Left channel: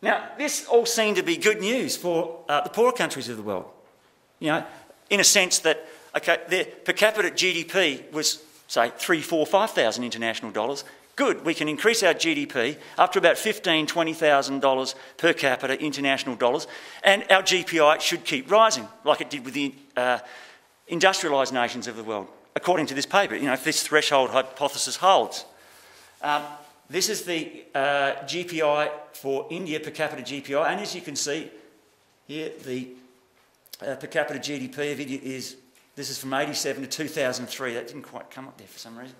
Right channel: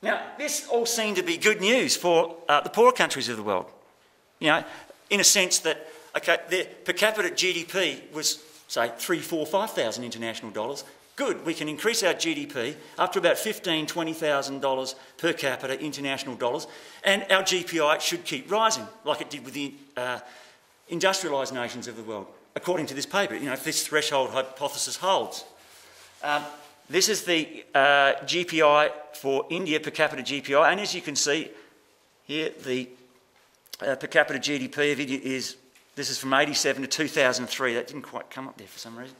Now, this all seemed to be good news for the poorer countries of the world. You know, in a sense that, okay, their per capita GDP was, say, 3, 4, 5,000 international dollars. Good, we can increase our GDP up to about $15,000, $20,000 per capita international dollars, and our GPI should keep rising, like it did with the industrialised nations of the world, according to this paper, you know, if this threshold hypothesis holds. This is the GPI for India, per capita GPI, and as you can see here, the per capita GDP of India is, this is from 87 to 2003, that didn't quite come up there for some reason,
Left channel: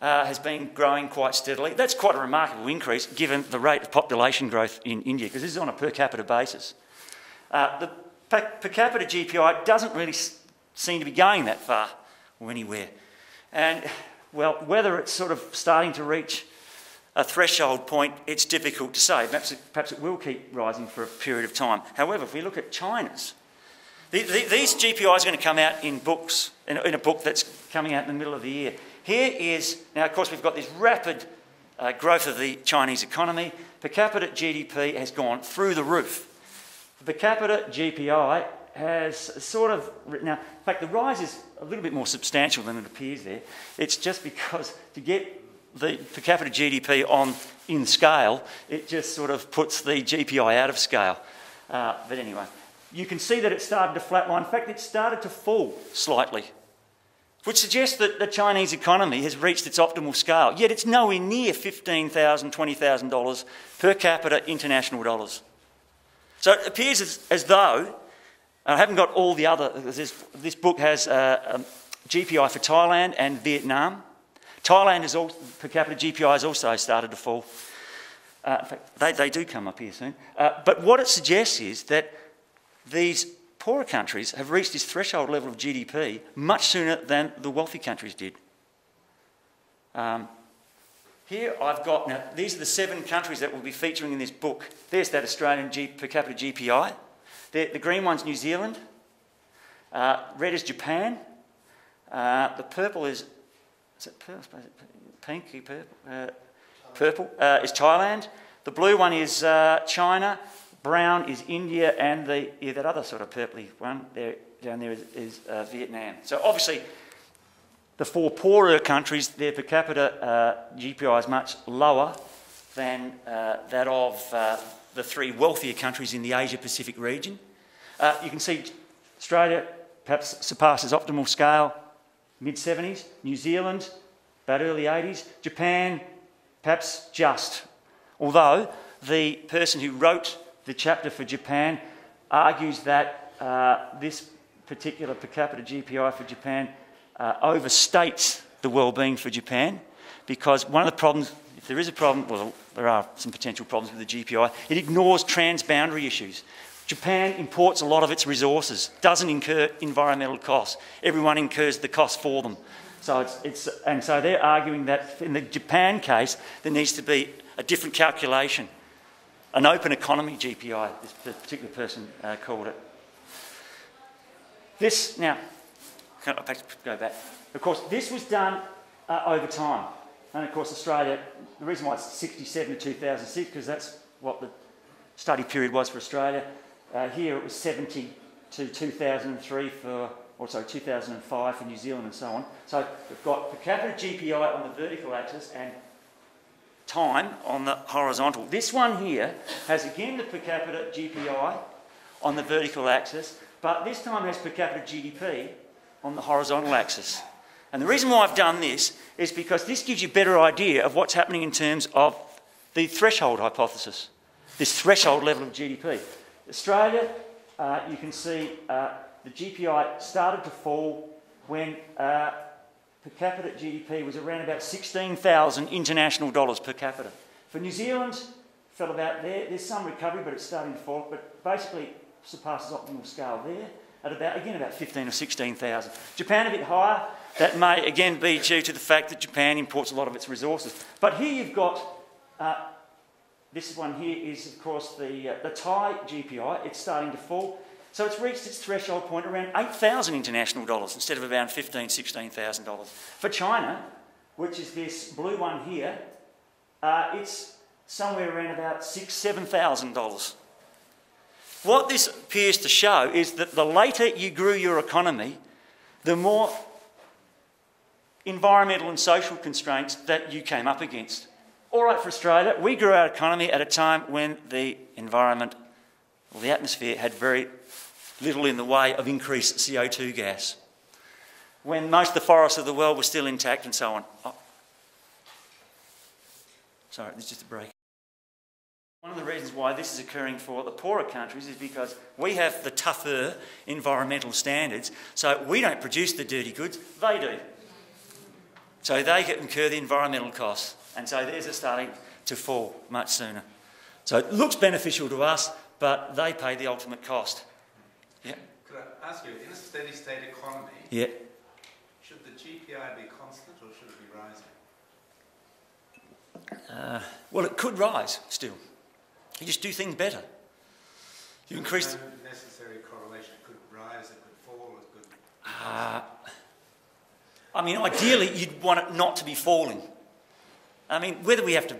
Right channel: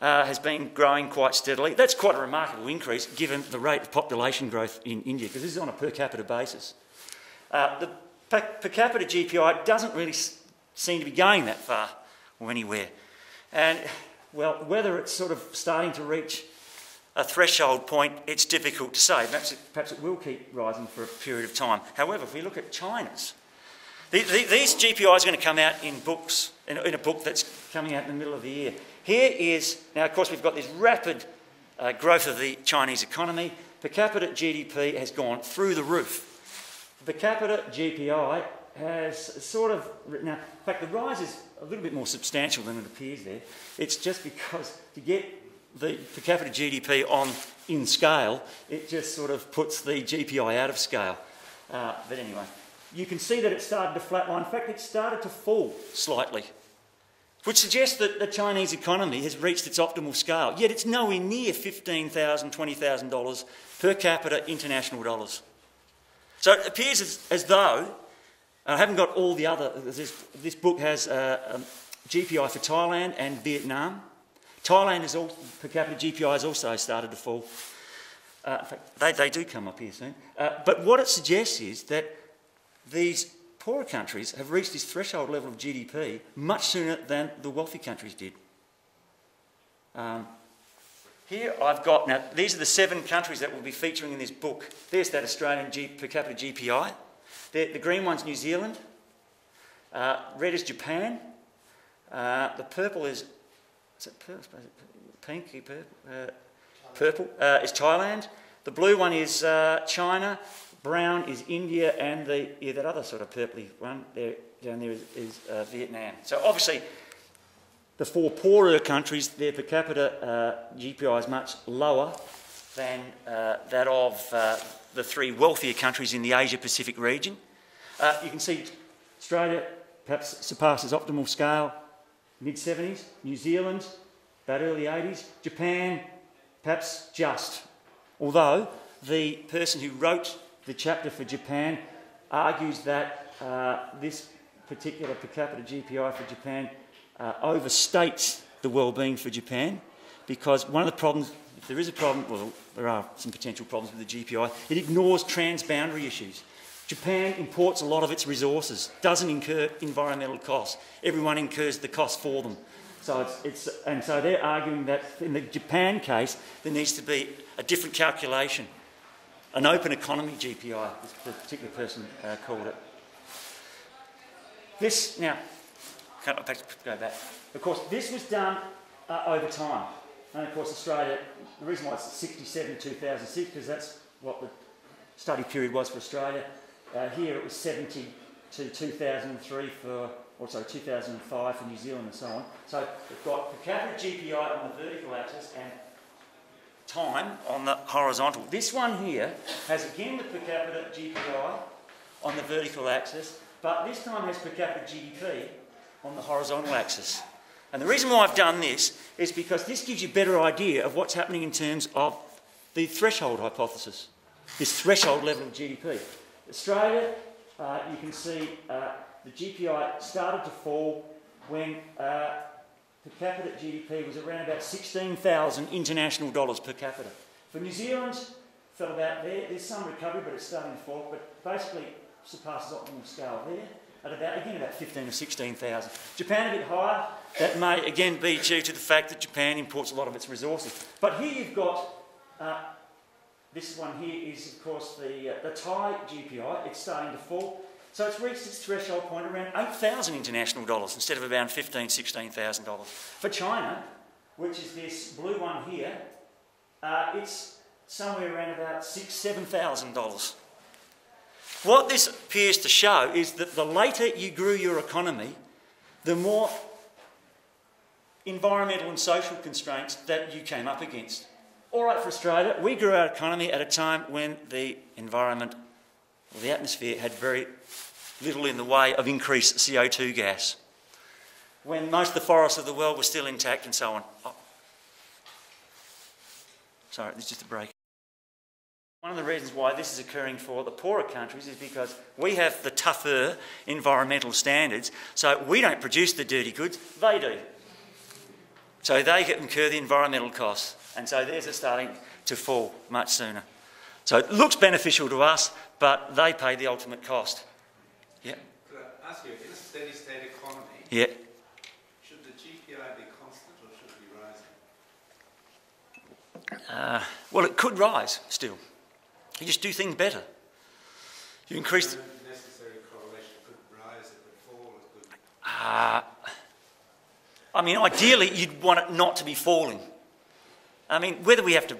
has been growing quite steadily. That's quite a remarkable increase given the rate of population growth in India, because this is on a per capita basis. The per capita GPI doesn't really seem to be going that far or anywhere. And, well, whether it's sort of starting to reach a threshold point, it's difficult to say. Perhaps it will keep rising for a period of time. However, if we look at China's, these GPIs are going to come out in books, in a book that's coming out in the middle of the year. Here is, now of course we've got this rapid growth of the Chinese economy. Per capita GDP has gone through the roof. The per capita GPI has sort of, now in fact the rise is a little bit more substantial than it appears there. It's just because to get the per capita GDP in scale, it just sort of puts the GPI out of scale. But anyway, you can see that it started to flatline. In fact, it started to fall slightly, which suggests that the Chinese economy has reached its optimal scale, yet it's nowhere near $15,000, $20,000 per capita international dollars. So it appears as though, I haven't got all the other, this book has a GPI for Thailand and Vietnam. Thailand is also, per capita GPI has also started to fall. In fact, they do come up here soon. But what it suggests is that these poorer countries have reached this threshold level of GDP much sooner than the wealthy countries did. Here I've got, now these are the 7 countries that will be featuring in this book. There's that Australian per capita GPI. The green one's New Zealand. Red is Japan. The purple is it purple? Pinky purple? Purple is Thailand. The blue one is China. Brown is India, and that other sort of purpley one there, down there is Vietnam. So obviously, the 4 poorer countries, their per capita GPI is much lower than that of the 3 wealthier countries in the Asia-Pacific region. You can see Australia perhaps surpasses optimal scale, mid-70s. New Zealand, about early 80s. Japan, perhaps just. Although the person who wrote the chapter for Japan argues that this particular per capita GPI for Japan overstates the well-being for Japan, because one of the problems, if there is a problem, well, there are some potential problems with the GPI, it ignores transboundary issues. Japan imports a lot of its resources, doesn't incur environmental costs. Everyone incurs the cost for them. So and so they're arguing that in the Japan case, there needs to be a different calculation. An open economy GPI, this particular person called it. This, now, can I go back? Of course, this was done over time. And of course, Australia, the reason why it's 67 to 2006, because that's what the study period was for Australia. Here it was 70 to 2003 for, or sorry, 2005 for New Zealand and so on. So we've got per capita GPI on the vertical axis and time on the horizontal. This one here has again the per capita GPI on the vertical axis, but this time has per capita GDP on the horizontal axis. And the reason why I've done this is because this gives you a better idea of what's happening in terms of the threshold hypothesis, this threshold level of GDP. Australia, you can see the GPI started to fall when per capita GDP was around about 16,000 international dollars per capita. For New Zealand, fell about there. There's some recovery, but it's starting to fall. But basically, surpasses optimal scale there at about, again, about 15 or 16,000. Japan a bit higher. That may again be due to the fact that Japan imports a lot of its resources. But here you've got this one here is of course the Thai GPI. It's starting to fall. So it's reached its threshold point around 8,000 international dollars instead of around $15,000, $16,000. For China, which is this blue one here, it's somewhere around about $6,000–7,000. What this appears to show is that the later you grew your economy, the more environmental and social constraints that you came up against. All right, for Australia, we grew our economy at a time when the environment, or the atmosphere, had very little in the way of increased CO2 gas. When most of the forests of the world were still intact and so on. Oh. Sorry, there's just a break. One of the reasons why this is occurring for the poorer countries is because we have the tougher environmental standards, so we don't produce the dirty goods, they do. So they incur the environmental costs, and so theirs are starting to fall much sooner. So it looks beneficial to us, but they pay the ultimate cost. Yeah. Could I ask you, in a steady state economy, yeah, should the GPI be constant or should it be rising? Well, it could rise still. You just do things better. You increase... No necessary correlation. It could rise, it could fall, it could... I mean, ideally, you'd want it not to be falling. I mean, whether we have to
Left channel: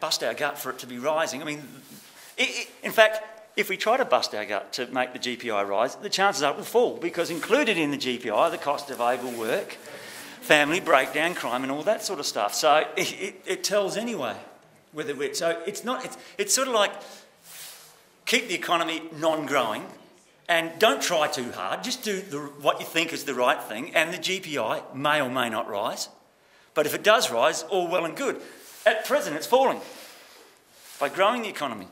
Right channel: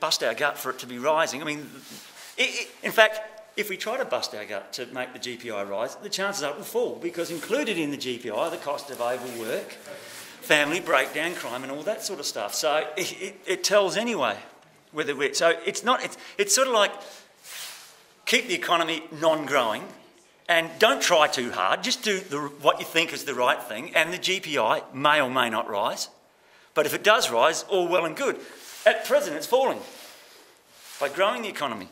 bust our gut for it to be rising, I mean, in fact, if we try to bust our gut to make the GPI rise, the chances are it will fall, because included in the GPI are the cost of overwork, family breakdown, crime and all that sort of stuff. So it tells anyway whether we're... So it's sort of like keep the economy non-growing and don't try too hard, just do what you think is the right thing, and the GPI may or may not rise. But if it does rise, all well and good. At present, it's falling by growing the economy.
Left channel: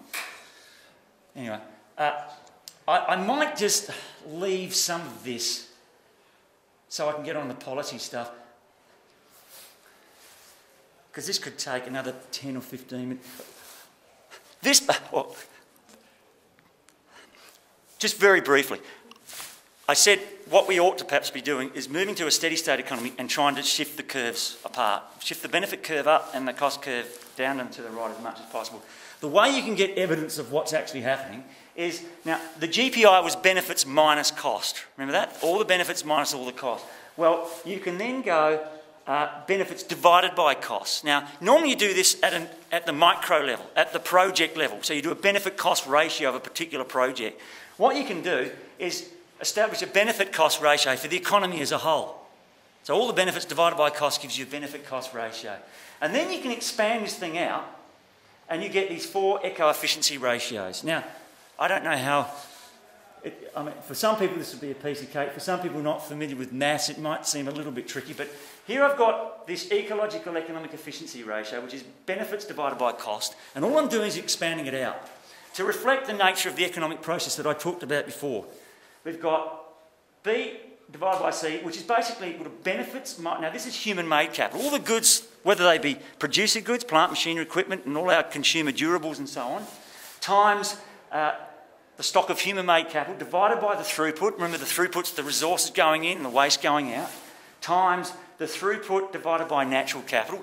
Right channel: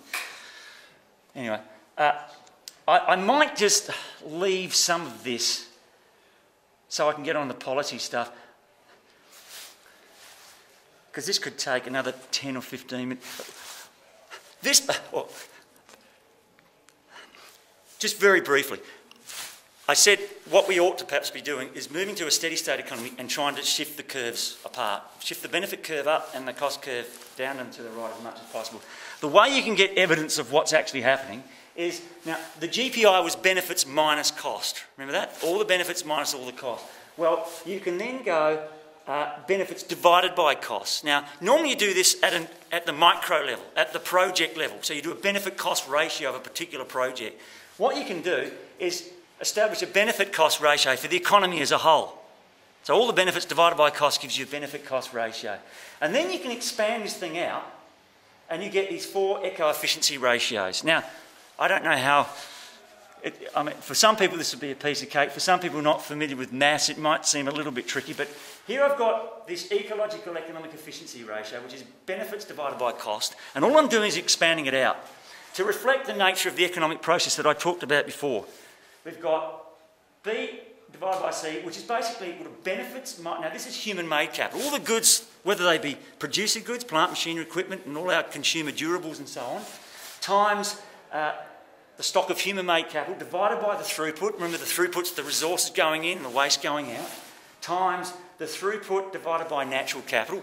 Anyway, I might just leave some of this so I can get on the policy stuff, because this could take another 10 or 15 minutes. Well, just very briefly, I said what we ought to perhaps be doing is moving to a steady state economy and trying to shift the curves apart, shift the benefit curve up and the cost curve down and to the right as much as possible. The way you can get evidence of what's actually happening is, now, the GPI was benefits minus cost. Remember that? All the benefits minus all the cost. Well, you can then go benefits divided by costs. Now, normally you do this at the micro level, at the project level. So you do a benefit cost ratio of a particular project. What you can do is establish a benefit cost ratio for the economy as a whole. So all the benefits divided by cost gives you a benefit cost ratio. And then you can expand this thing out and you get these 4 eco-efficiency ratios. Now, I don't know how... I mean, for some people this would be a piece of cake. For some people not familiar with maths, it might seem a little bit tricky. But here I've got this ecological economic efficiency ratio, which is benefits divided by cost. And all I'm doing is expanding it out to reflect the nature of the economic process that I talked about before. We've got B divided by C, which is basically equal to benefits. Now, this is human-made capital. All the goods, whether they be producer goods, plant, machinery, equipment, and all our consumer durables and so on, times the stock of human-made capital divided by the throughput. Remember, the throughput's the resources going in and the waste going out, times the throughput divided by natural capital,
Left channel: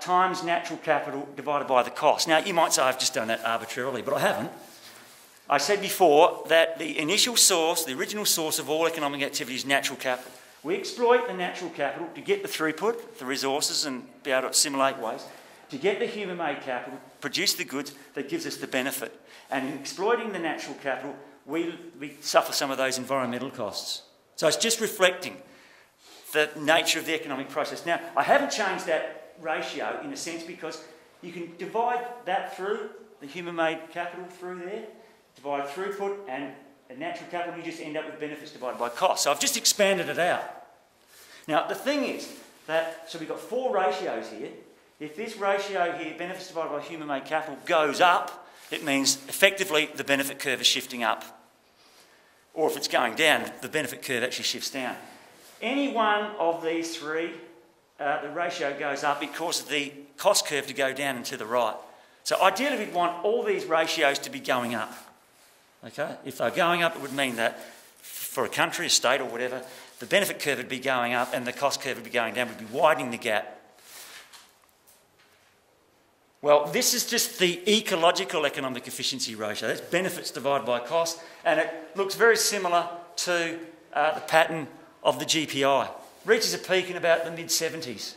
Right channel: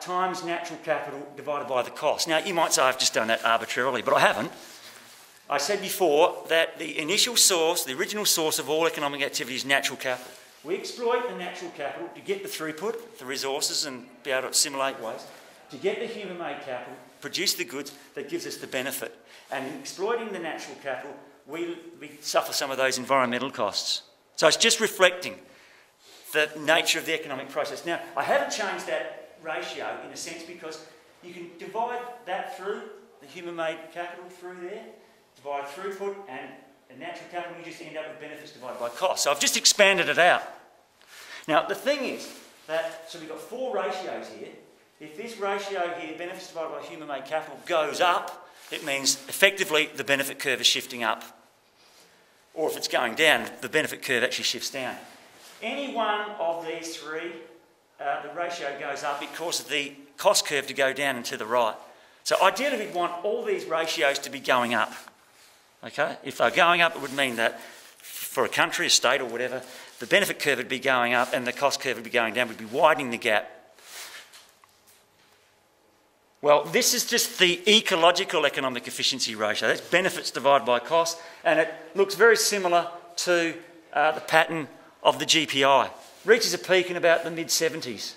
times natural capital divided by the cost. Now, you might say I've just done that arbitrarily, but I haven't. I said before that the initial source, the original source of all economic activity is natural capital. We exploit the natural capital to get the throughput, the resources, and be able to assimilate waste, to get the human-made capital, produce the goods that gives us the benefit. And in exploiting the natural capital, we suffer some of those environmental costs. So it's just reflecting the nature of the economic process. Now, I haven't changed that ratio in a sense because you can divide that through, the human-made capital through there, divide throughput and natural capital, and you just end up with benefits divided by cost. So I've just expanded it out. Now, the thing is that, so we've got 4 ratios here. If this ratio here, benefits divided by human-made capital, goes up, it means effectively the benefit curve is shifting up. Or if it's going down, the benefit curve actually shifts down. Any one of these 3, the ratio goes up, it causes the cost curve to go down and to the right. So ideally we'd want all these ratios to be going up. Okay? If they're going up, it would mean that for a country, a state or whatever, the benefit curve would be going up and the cost curve would be going down. We'd be widening the gap. Well, this is just the ecological economic efficiency ratio. That's benefits divided by cost, and it looks very similar to the pattern of the GPI. Reaches a peak in about the mid-70s.